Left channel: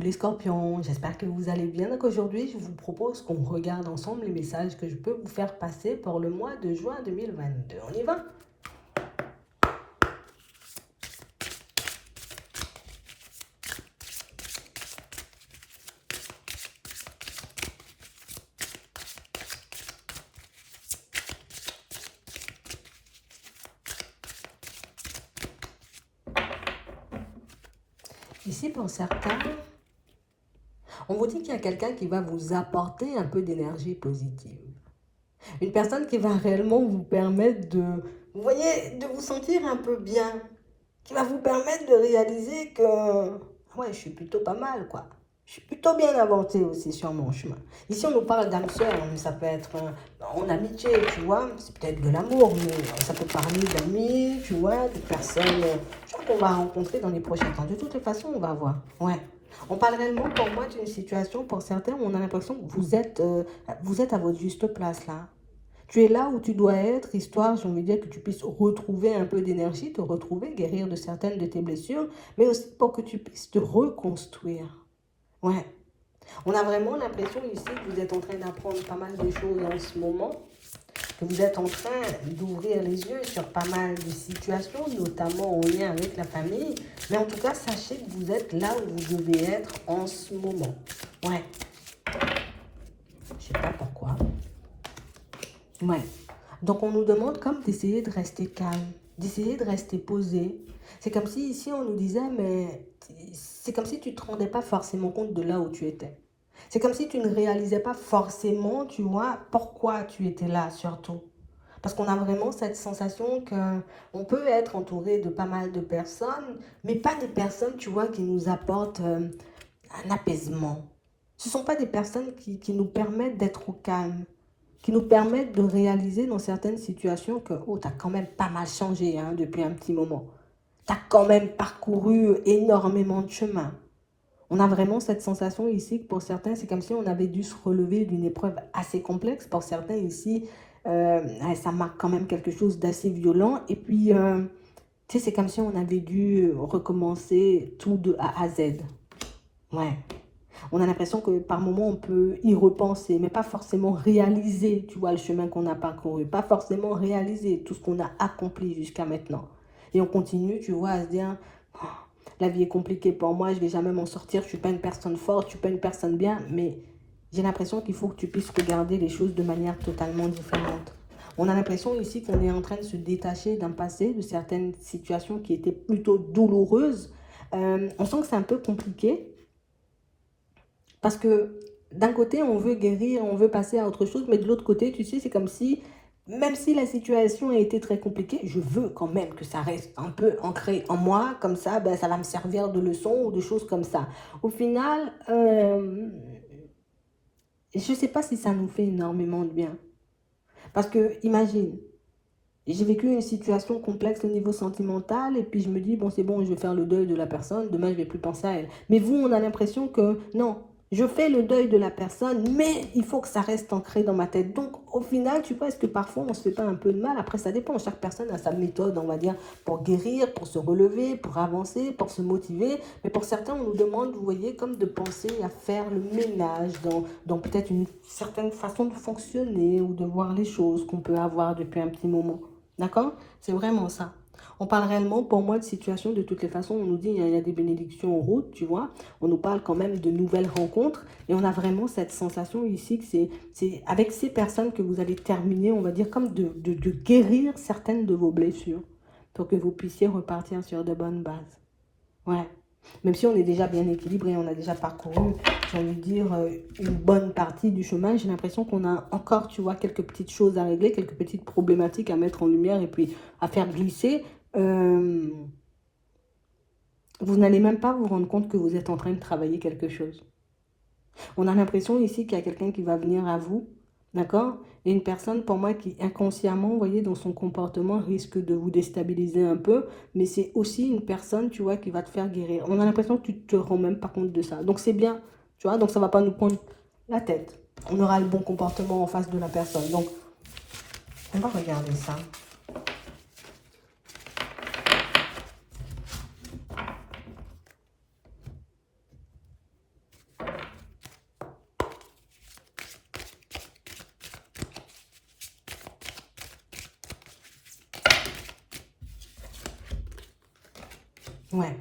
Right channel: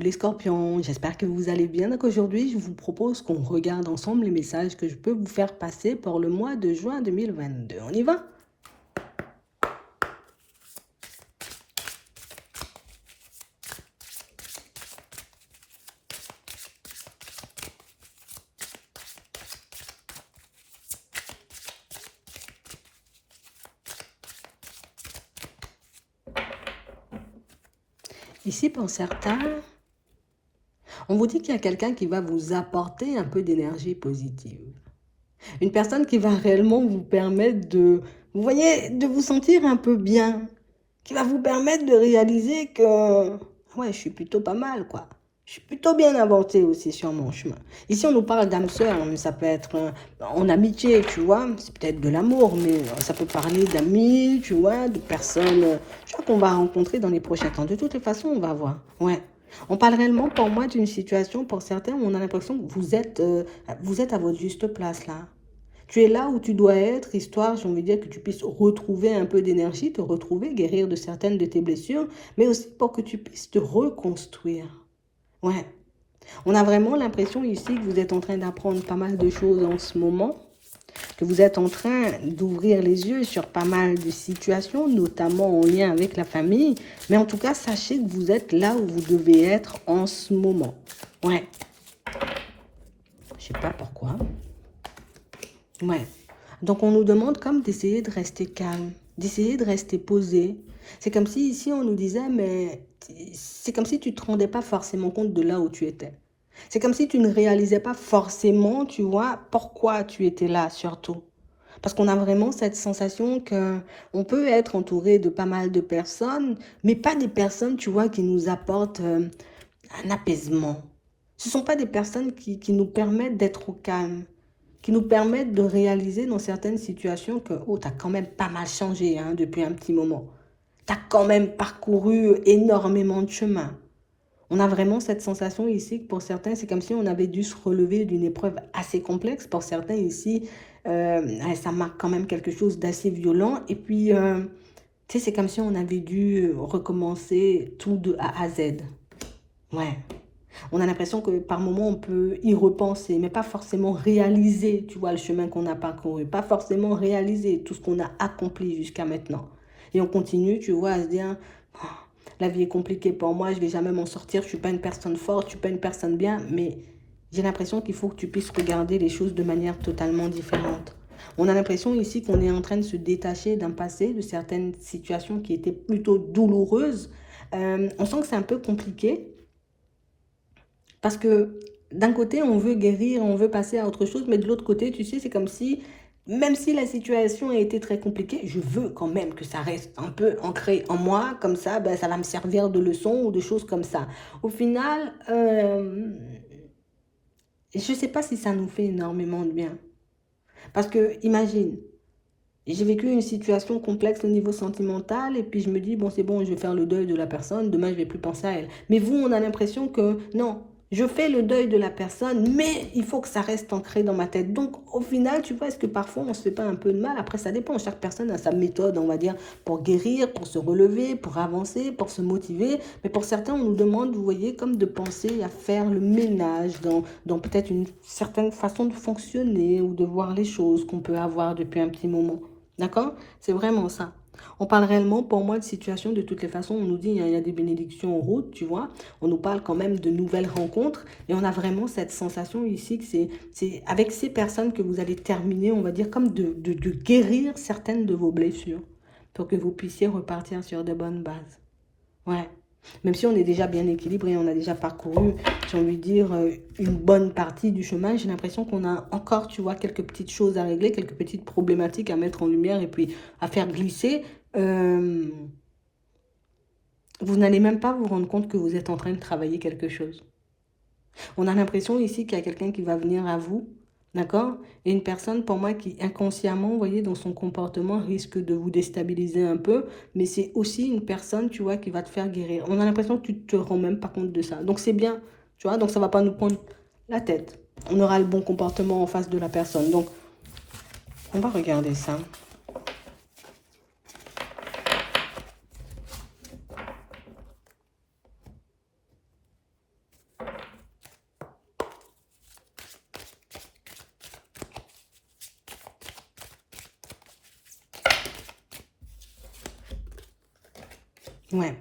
Coucou les scorpions, j'espère que vous allez bien. Donc aujourd'hui, je vous propose qu'on regarde ensemble les messages que je peux vous faire passer pour le mois de juin 2022. On y va? Ici, pour certains, on vous dit qu'il y a quelqu'un qui va vous apporter un peu d'énergie positive. Une personne qui va réellement vous permettre de, vous voyez, de vous sentir un peu bien, qui va vous permettre de réaliser que, ouais, je suis plutôt pas mal, quoi. Je suis plutôt bien avancé aussi sur mon chemin. Ici, on nous parle d'âme sœur, ça peut être en amitié, tu vois, c'est peut-être de l'amour, mais ça peut parler d'amis, tu vois, de personnes, je crois qu'on va rencontrer dans les prochains temps. De toutes les façons, on va voir, ouais. On parle réellement pour moi d'une situation, pour certains, où on a l'impression que vous êtes à votre juste place là. Tu es là où tu dois être, histoire, j'ai envie de dire, que tu puisses retrouver un peu d'énergie, te retrouver, guérir de certaines de tes blessures, mais aussi pour que tu puisses te reconstruire. Ouais. On a vraiment l'impression ici que vous êtes en train d'apprendre pas mal de choses en ce moment, que vous êtes en train d'ouvrir les yeux sur pas mal de situations, notamment en lien avec la famille, mais en tout cas, sachez que vous êtes là où vous devez être en ce moment. Ouais. Je sais pas pourquoi. Ouais. Donc on nous demande comme d'essayer de rester calme, d'essayer de rester posé. C'est comme si ici on nous disait, mais c'est comme si tu ne te rendais pas forcément compte de là où tu étais. C'est comme si tu ne réalisais pas forcément, tu vois, pourquoi tu étais là surtout. Parce qu'on a vraiment cette sensation que on peut être entouré de pas mal de personnes, mais pas des personnes, tu vois, qui nous apportent un apaisement. Ce ne sont pas des personnes qui nous permettent d'être au calme, qui nous permettent de réaliser dans certaines situations que oh, tu as quand même pas mal changé hein, depuis un petit moment. Tu as quand même parcouru énormément de chemin. On a vraiment cette sensation ici que pour certains, c'est comme si on avait dû se relever d'une épreuve assez complexe. Pour certains ici, ça marque quand même quelque chose d'assez violent. Et puis, tu sais, c'est comme si on avait dû recommencer tout de A à Z. Ouais. On a l'impression que par moments, on peut y repenser, mais pas forcément réaliser, tu vois, le chemin qu'on a parcouru, pas forcément réaliser tout ce qu'on a accompli jusqu'à maintenant. Et on continue, tu vois, à se dire, oh, la vie est compliquée pour moi, je vais jamais m'en sortir, je suis pas une personne forte, je suis pas une personne bien, mais j'ai l'impression qu'il faut que tu puisses regarder les choses de manière totalement différente. On a l'impression ici qu'on est en train de se détacher d'un passé, de certaines situations qui étaient plutôt douloureuses. On sent que c'est un peu compliqué, parce que d'un côté, on veut guérir, on veut passer à autre chose, mais de l'autre côté, tu sais, c'est comme si, même si la situation a été très compliquée, je veux quand même que ça reste un peu ancré en moi, comme ça, ben, ça va me servir de leçon ou de choses comme ça. Au final, je ne sais pas si ça nous fait énormément de bien. Parce que, imagine, j'ai vécu une situation complexe au niveau sentimental et puis je me dis, bon, c'est bon, je vais faire le deuil de la personne, demain je vais plus penser à elle. Mais vous, on a l'impression que non, je fais le deuil de la personne, mais il faut que ça reste ancré dans ma tête. Donc, au final, tu vois, est-ce que parfois on se fait pas un peu de mal? Après, ça dépend. Chaque personne a sa méthode, on va dire, pour guérir, pour se relever, pour avancer, pour se motiver. Mais pour certains, on nous demande, vous voyez, comme de penser à faire le ménage dans peut-être une certaine façon de fonctionner ou de voir les choses qu'on peut avoir depuis un petit moment. D'accord? C'est vraiment ça. On parle réellement, pour moi, de situation de toutes les façons. On nous dit il y a des bénédictions en route, tu vois. On nous parle quand même de nouvelles rencontres. Et on a vraiment cette sensation ici que c'est avec ces personnes que vous allez terminer, on va dire, comme de guérir certaines de vos blessures pour que vous puissiez repartir sur de bonnes bases. Ouais. Même si on est déjà bien équilibré, on a déjà parcouru, j'ai envie de dire, une bonne partie du chemin, j'ai l'impression qu'on a encore, tu vois, quelques petites choses à régler, quelques petites problématiques à mettre en lumière et puis à faire glisser. Euh, vous n'allez même pas vous rendre compte que vous êtes en train de travailler quelque chose. On a l'impression ici qu'il y a quelqu'un qui va venir à vous, d'accord? Et une personne, pour moi, qui inconsciemment, vous voyez, dans son comportement, risque de vous déstabiliser un peu, mais c'est aussi une personne, tu vois, qui va te faire guérir. On a l'impression que tu ne te rends même pas compte de ça. Donc c'est bien, tu vois, donc ça ne va pas nous prendre la tête. On aura le bon comportement en face de la personne. Donc, on va regarder ça. Ouais.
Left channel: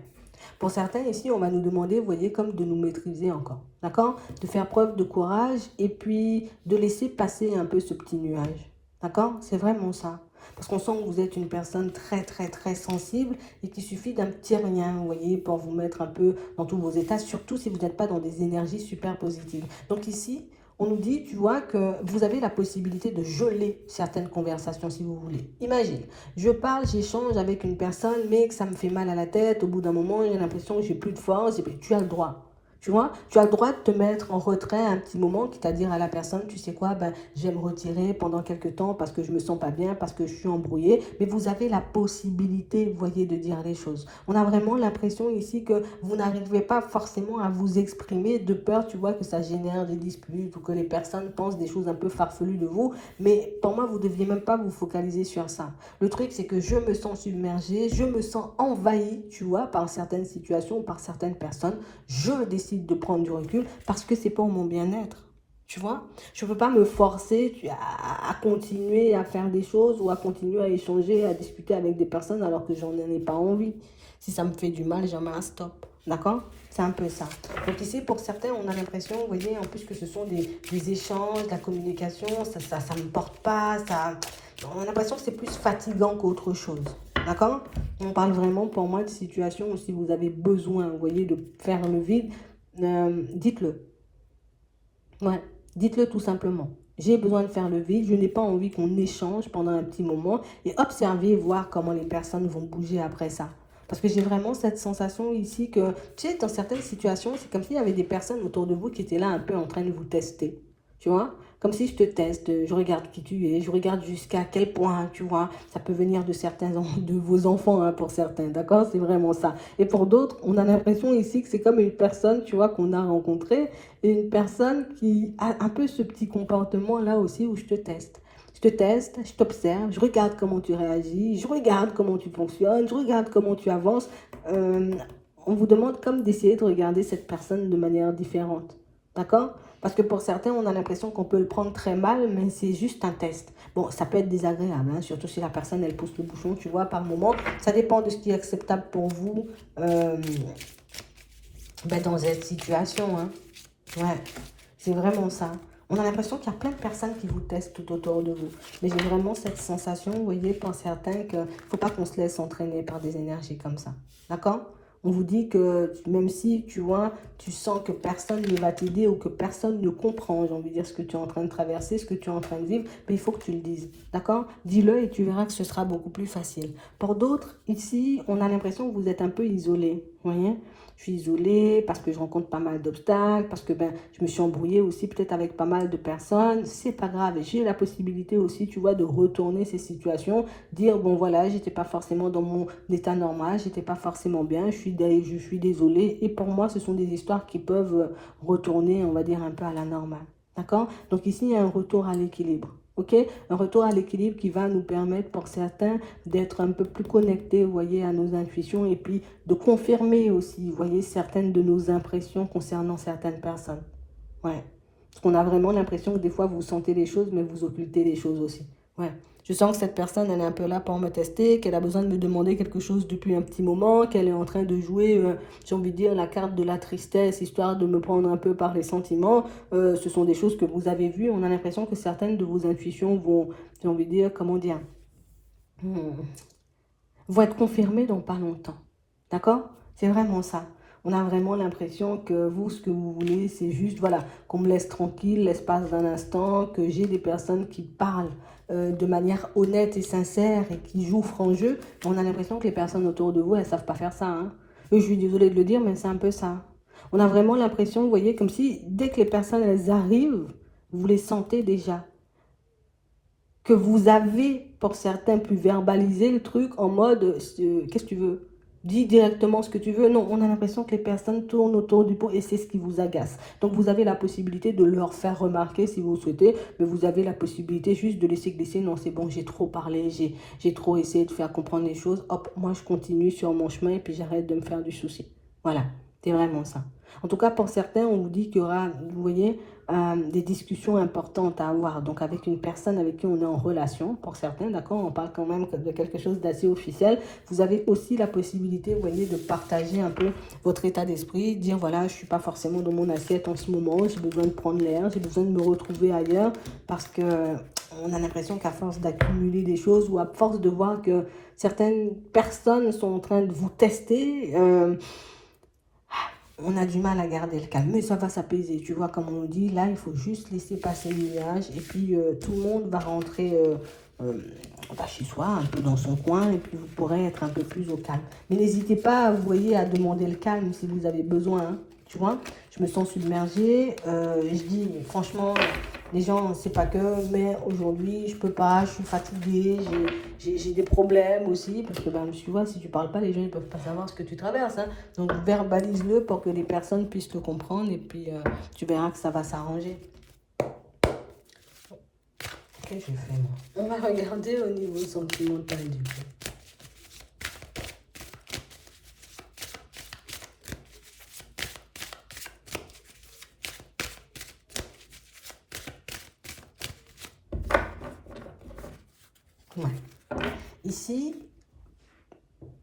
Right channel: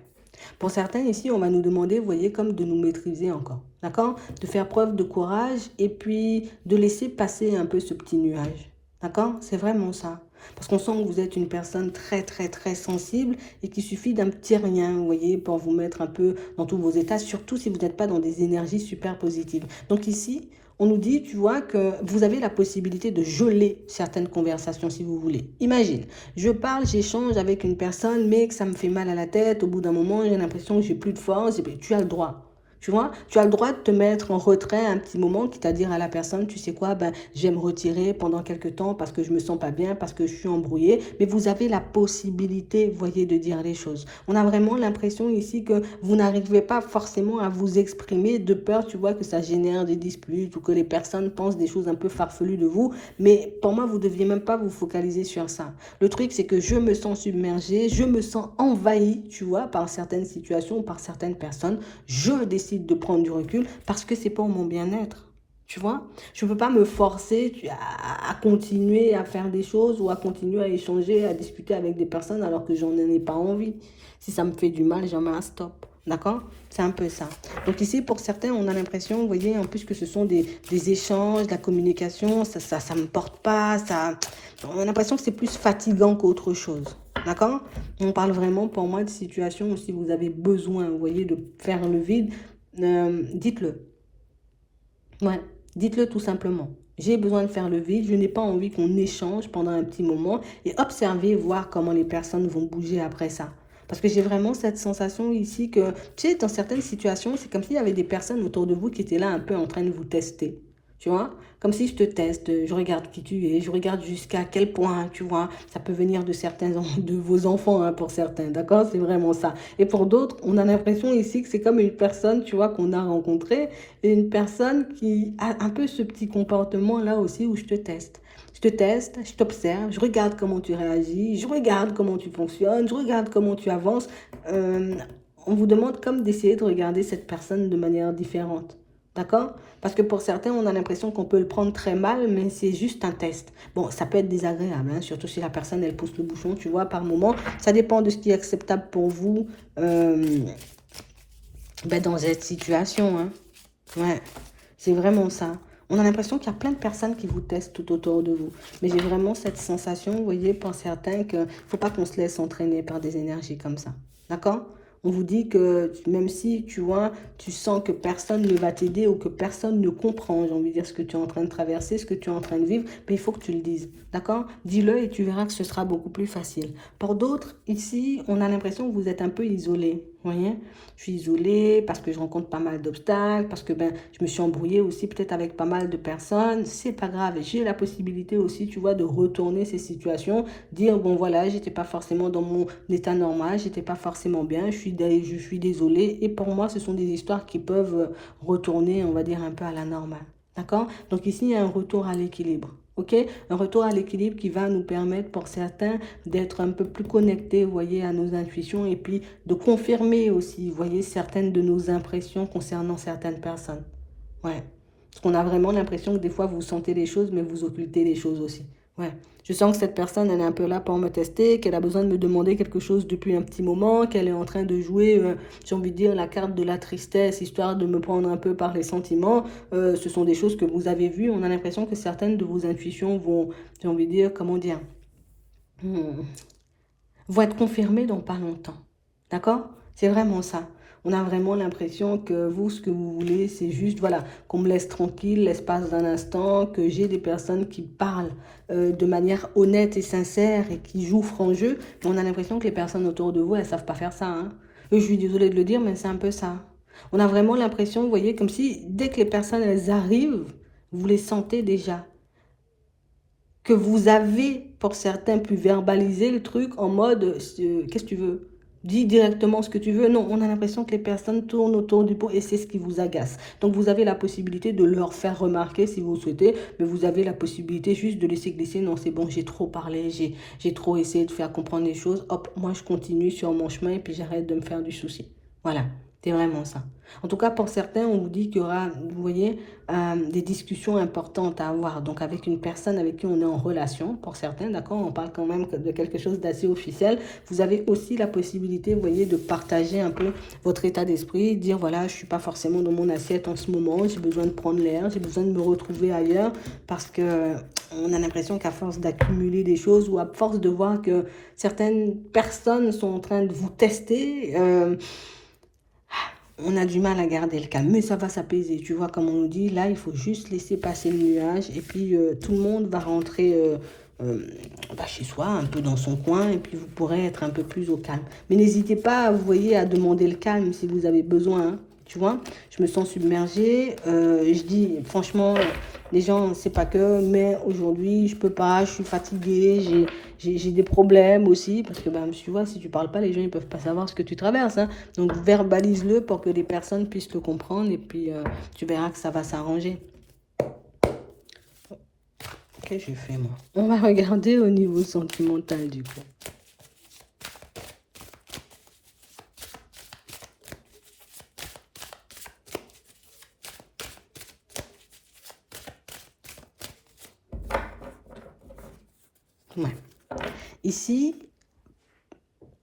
Pour certains ici, on va nous demander, vous voyez, comme de nous maîtriser encore, d'accord? De faire preuve de courage et puis de laisser passer un peu ce petit nuage, d'accord? C'est vraiment ça. Parce qu'on sent que vous êtes une personne très, très, très sensible et qu'il suffit d'un petit rien, vous voyez, pour vous mettre un peu dans tous vos états, surtout si vous n'êtes pas dans des énergies super positives. Donc ici, on nous dit, tu vois, que vous avez la possibilité de geler certaines conversations si vous voulez. Imagine, je parle, j'échange avec une personne, mais que ça me fait mal à la tête. Au bout d'un moment, j'ai l'impression que j'ai plus de force. Et bien, tu as le droit. Tu vois, tu as le droit de te mettre en retrait un petit moment, quitte à dire à la personne, tu sais quoi, ben, je vais me retirer pendant quelques temps parce que je me sens pas bien, parce que je suis embrouillée. Mais vous avez la possibilité, vous voyez, de dire les choses. On a vraiment l'impression ici que vous n'arrivez pas forcément à vous exprimer de peur, tu vois, que ça génère des disputes ou que les personnes pensent des choses un peu farfelues de vous. Mais pour moi, vous ne deviez même pas vous focaliser sur ça. Le truc, c'est que je me sens submergée, je me sens envahie, tu vois, par certaines situations, par certaines personnes. Je décide de prendre du recul parce que c'est pour mon bien-être. Tu vois, je ne peux pas me forcer à continuer à faire des choses ou à continuer à échanger, à discuter avec des personnes alors que j'en ai pas envie. Si ça me fait du mal, j'en mets un stop. D'accord? C'est un peu ça. Donc ici, pour certains, on a l'impression, vous voyez, en plus que ce sont des échanges, de la communication, ça ne porte pas, on a l'impression que c'est plus fatigant qu'autre chose. D'accord? On parle vraiment pour moi de situations où si vous avez besoin, vous voyez, de faire le vide, dites-le. Ouais, dites-le tout simplement. J'ai besoin de faire le vide, je n'ai pas envie qu'on échange pendant un petit moment et observer, voir comment les personnes vont bouger après ça. Parce que j'ai vraiment cette sensation ici que, tu sais, dans certaines situations, c'est comme s'il y avait des personnes autour de vous qui étaient là un peu en train de vous tester. Tu vois? Comme si je te teste, je regarde qui tu es, je regarde jusqu'à quel point, tu vois, ça peut venir de de vos enfants, hein, pour certains, d'accord? C'est vraiment ça. Et pour d'autres, on a l'impression ici que c'est comme une personne, tu vois, qu'on a rencontrée et une personne qui a un peu ce petit comportement là aussi où je te teste. Je te teste, je t'observe, je regarde comment tu réagis, je regarde comment tu fonctionnes, je regarde comment tu avances. Euh, on vous demande comme d'essayer de regarder cette personne de manière différente. D'accord? Parce que pour certains, on a l'impression qu'on peut le prendre très mal, mais c'est juste un test. Bon, ça peut être désagréable, hein, surtout si la personne, elle pousse le bouchon, tu vois, par moment. Ça dépend de ce qui est acceptable pour vous dans cette situation. Hein. Ouais, c'est vraiment ça. On a l'impression qu'il y a plein de personnes qui vous testent tout autour de vous. Mais j'ai vraiment cette sensation, vous voyez, pour certains, qu'il ne faut pas qu'on se laisse entraîner par des énergies comme ça. D'accord? On vous dit que même si, tu vois, tu sens que personne ne va t'aider ou que personne ne comprend, j'ai envie de dire, ce que tu es en train de traverser, ce que tu es en train de vivre, mais il faut que tu le dises. D'accord? Dis-le et tu verras que ce sera beaucoup plus facile. Pour d'autres, ici, on a l'impression que vous êtes un peu isolé. Vous voyez? Je suis isolée parce que je rencontre pas mal d'obstacles, parce que ben, je me suis embrouillée aussi peut-être avec pas mal de personnes. C'est pas grave. J'ai la possibilité aussi, tu vois, de retourner ces situations, dire, bon voilà, j'étais pas forcément dans mon état normal, j'étais pas forcément bien, je suis désolée. Et pour moi, ce sont des histoires qui peuvent retourner, on va dire, un peu à la normale. D'accord? Donc ici, il y a un retour à l'équilibre. OK? Un retour à l'équilibre qui va nous permettre pour certains d'être un peu plus connectés, vous voyez, à nos intuitions et puis de confirmer aussi, vous voyez, certaines de nos impressions concernant certaines personnes. Ouais. Parce qu'on a vraiment l'impression que des fois, vous sentez les choses, mais vous occultez les choses aussi. Ouais. Je sens que cette personne, elle est un peu là pour me tester, qu'elle a besoin de me demander quelque chose depuis un petit moment, qu'elle est en train de jouer, j'ai envie de dire, la carte de la tristesse, histoire de me prendre un peu par les sentiments. Ce sont des choses que vous avez vues. On a l'impression que certaines de vos intuitions vont, j'ai envie de dire, comment dire, hmm, vont être confirmées dans pas longtemps. D'accord? C'est vraiment ça. On a vraiment l'impression que vous, ce que vous voulez, c'est juste, voilà, qu'on me laisse tranquille l'espace d'un instant, que j'ai des personnes qui parlent de manière honnête et sincère et qui jouent franc jeu. On a l'impression que les personnes autour de vous, elles ne savent pas faire ça. Hein. Je suis désolée de le dire, mais c'est un peu ça. On a vraiment l'impression, vous voyez, comme si dès que les personnes, elles arrivent, vous les sentez déjà que vous avez, pour certains, pu verbaliser le truc en mode qu'est-ce que tu veux? Dis directement ce que tu veux. Non, on a l'impression que les personnes tournent autour du pot et c'est ce qui vous agace. Donc vous avez la possibilité de leur faire remarquer si vous souhaitez, mais vous avez la possibilité juste de laisser glisser. Non, c'est bon, j'ai trop parlé, j'ai trop essayé de faire comprendre les choses. Hop, moi je continue sur mon chemin et puis j'arrête de me faire du souci. Voilà. C'est vraiment ça. En tout cas, pour certains, on vous dit qu'il y aura, vous voyez, des discussions importantes à avoir. Donc, avec une personne avec qui on est en relation, pour certains, d'accord, on parle quand même de quelque chose d'assez officiel. Vous avez aussi la possibilité, vous voyez, de partager un peu votre état d'esprit, dire, voilà, je ne suis pas forcément dans mon assiette en ce moment, j'ai besoin de prendre l'air, j'ai besoin de me retrouver ailleurs, parce que on a l'impression qu'à force d'accumuler des choses ou à force de voir que certaines personnes sont en train de vous tester, on a du mal à garder le calme, mais ça va s'apaiser. Tu vois, comme on nous dit, là, il faut juste laisser passer le nuage et puis tout le monde va rentrer chez soi, un peu dans son coin, et puis vous pourrez être un peu plus au calme. Mais n'hésitez pas, vous voyez, à demander le calme si vous avez besoin. Hein. Tu vois, je me sens submergée. Je dis, franchement, les gens, c'est pas que, mais aujourd'hui, je peux pas, je suis fatiguée, j'ai des problèmes aussi. Parce que, ben, tu vois, si tu parles pas, les gens, ils peuvent pas savoir ce que tu traverses. Hein. Donc, verbalise-le pour que les personnes puissent te comprendre et puis tu verras que ça va s'arranger. Qu'est-ce que j'ai fait, moi? On va regarder au niveau sentimental, du coup. Ouais. Ici,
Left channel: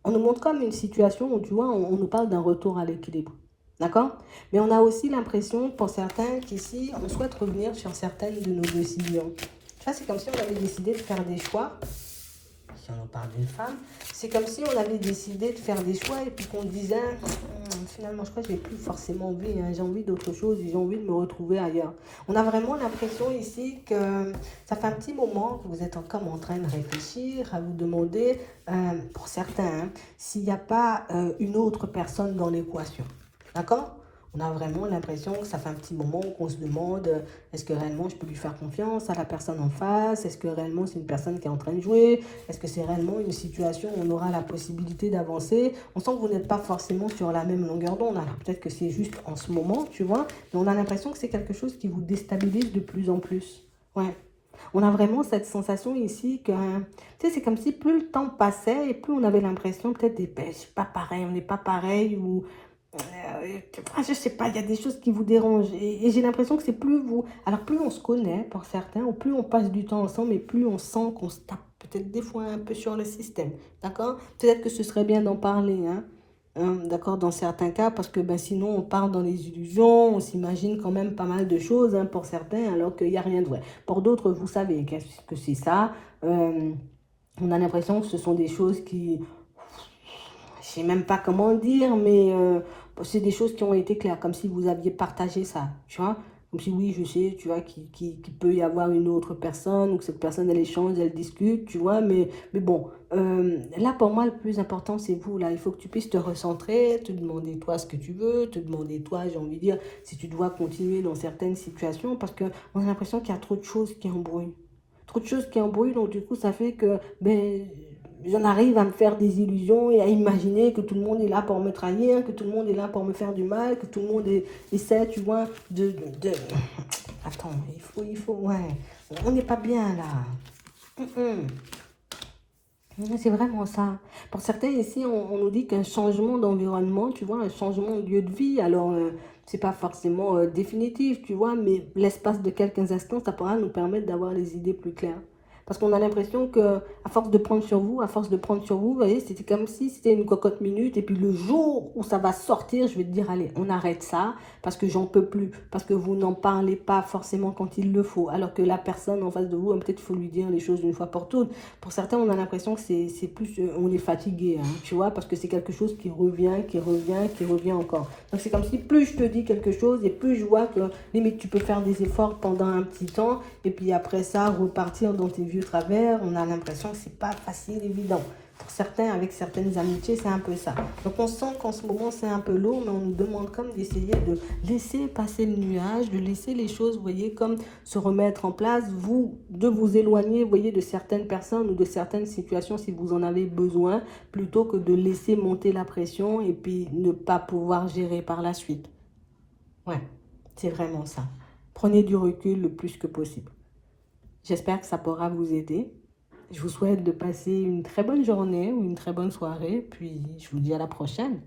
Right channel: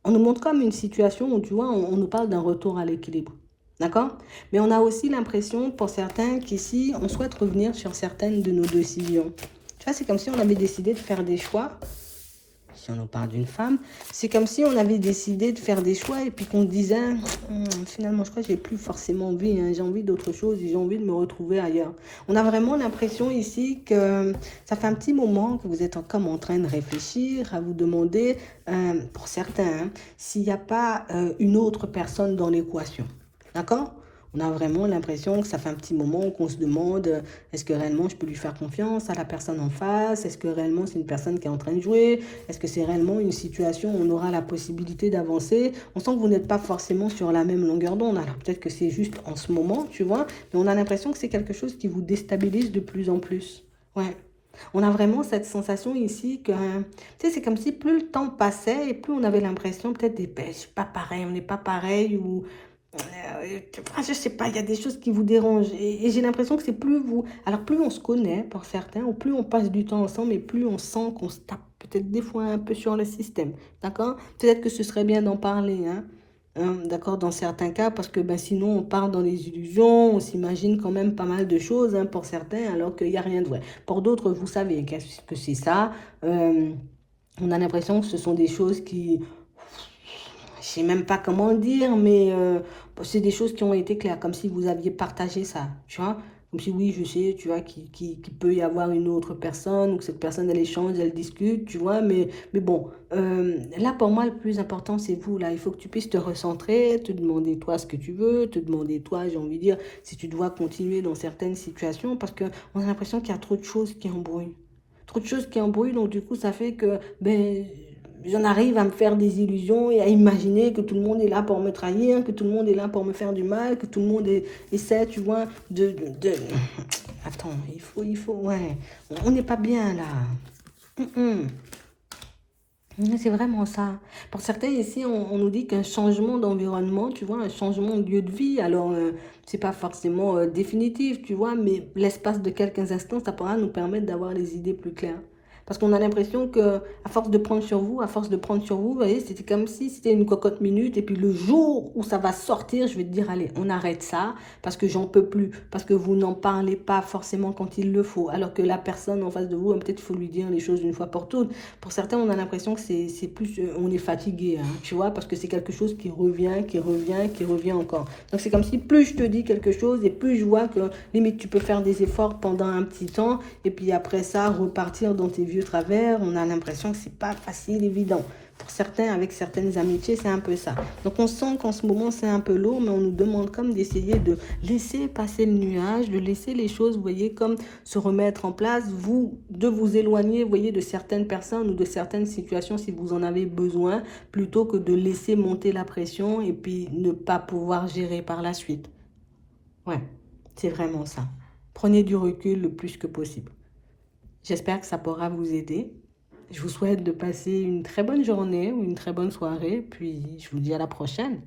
on nous montre comme une situation où, tu vois, on nous parle d'un retour à l'équilibre. D'accord? Mais on a aussi l'impression, pour certains, qu'ici, on souhaite revenir sur certaines de nos décisions. Tu vois, c'est comme si on avait décidé de faire des choix. Si on nous parle d'une femme, c'est comme si on avait décidé de faire des choix et puis qu'on disait, finalement, je crois que j'ai plus forcément envie, hein, j'ai envie d'autre chose et j'ai envie de me retrouver ailleurs. On a vraiment l'impression ici que ça fait un petit moment que vous êtes comme en train de réfléchir, à vous demander, pour certains, hein, s'il n'y a pas une autre personne dans l'équation. D'accord? On a vraiment l'impression que ça fait un petit moment qu'on se demande est-ce que réellement je peux lui faire confiance à la personne en face? Est-ce que réellement c'est une personne qui est en train de jouer? Est-ce que c'est réellement une situation où on aura la possibilité d'avancer? On sent que vous n'êtes pas forcément sur la même longueur d'onde. Alors peut-être que c'est juste en ce moment, tu vois, mais on a l'impression que c'est quelque chose qui vous déstabilise de plus en plus. Ouais. On a vraiment cette sensation ici que, tu sais, c'est comme si plus le temps passait et plus on avait l'impression peut-être des, ben, c'est pas pareil, on n'est pas pareil ou je sais pas, il y a des choses qui vous dérangent. Et j'ai l'impression que c'est plus vous. Alors, plus on se connaît pour certains, ou plus on passe du temps ensemble, et plus on sent qu'on se tape peut-être des fois un peu sur le système. D'accord? Peut-être que ce serait bien d'en parler. Hein? D'accord, dans certains cas, parce que ben, sinon on part dans les illusions, on s'imagine quand même pas mal de choses hein, pour certains, alors qu'il n'y a rien de vrai. Pour d'autres, vous savez qu'est-ce que c'est ça. On a l'impression que ce sont des choses qui, je sais même pas comment dire, mais c'est des choses qui ont été claires, comme si vous aviez partagé ça, tu vois. Comme si oui, je sais, tu vois, qu'il peut y avoir une autre personne, ou que cette personne, elle échange, elle discute, tu vois. Mais bon, là, pour moi, le plus important, c'est vous, là. Il faut que tu puisses te recentrer, te demander, toi, ce que tu veux, te demander, toi, j'ai envie de dire, si tu dois continuer dans certaines situations, parce qu'on a l'impression qu'il y a trop de choses qui embrouillent. Trop de choses qui embrouillent, donc du coup, ça fait que, ben, j'en arrive à me faire des illusions et à imaginer que tout le monde est là pour me trahir, que tout le monde est là pour me faire du mal, que tout le monde essaie, tu vois, Attends, ouais. On n'est pas bien là. C'est vraiment ça. Pour certains ici, on nous dit qu'un changement d'environnement, tu vois, un changement de lieu de vie, alors c'est pas forcément définitif, tu vois, mais l'espace de quelques instants, ça pourra nous permettre d'avoir les idées plus claires. Parce qu'on a l'impression que à force de prendre sur vous, à force de prendre sur vous, vous voyez, c'était comme si c'était une cocotte minute, et puis le jour où ça va sortir, je vais te dire, allez, on arrête ça, parce que j'en peux plus, parce que vous n'en parlez pas forcément quand il le faut, alors que la personne en face de vous, peut-être il faut lui dire les choses une fois pour toutes. Pour certains, on a l'impression que c'est plus, on est fatigué, hein, tu vois, parce que c'est quelque chose qui revient, qui revient, qui revient encore. Donc c'est comme si plus je te dis quelque chose et plus je vois que limite tu peux faire des efforts pendant un petit temps et puis après ça repartir dans tes vieux travers, on a l'impression que c'est pas facile, évident. Pour certains, avec certaines amitiés, c'est un peu ça. Donc on sent qu'en ce moment c'est un peu lourd, mais on nous demande comme d'essayer de laisser passer le nuage, de laisser les choses, vous voyez, comme se remettre en place, vous, de vous éloigner, vous voyez, de certaines personnes ou de certaines situations si vous en avez besoin, plutôt que de laisser monter la pression et puis ne pas pouvoir gérer par la suite. Ouais, c'est vraiment ça. Prenez du recul le plus que possible. J'espère que ça pourra vous aider. Je vous souhaite de passer une très bonne journée ou une très bonne soirée, puis je vous dis à la prochaine.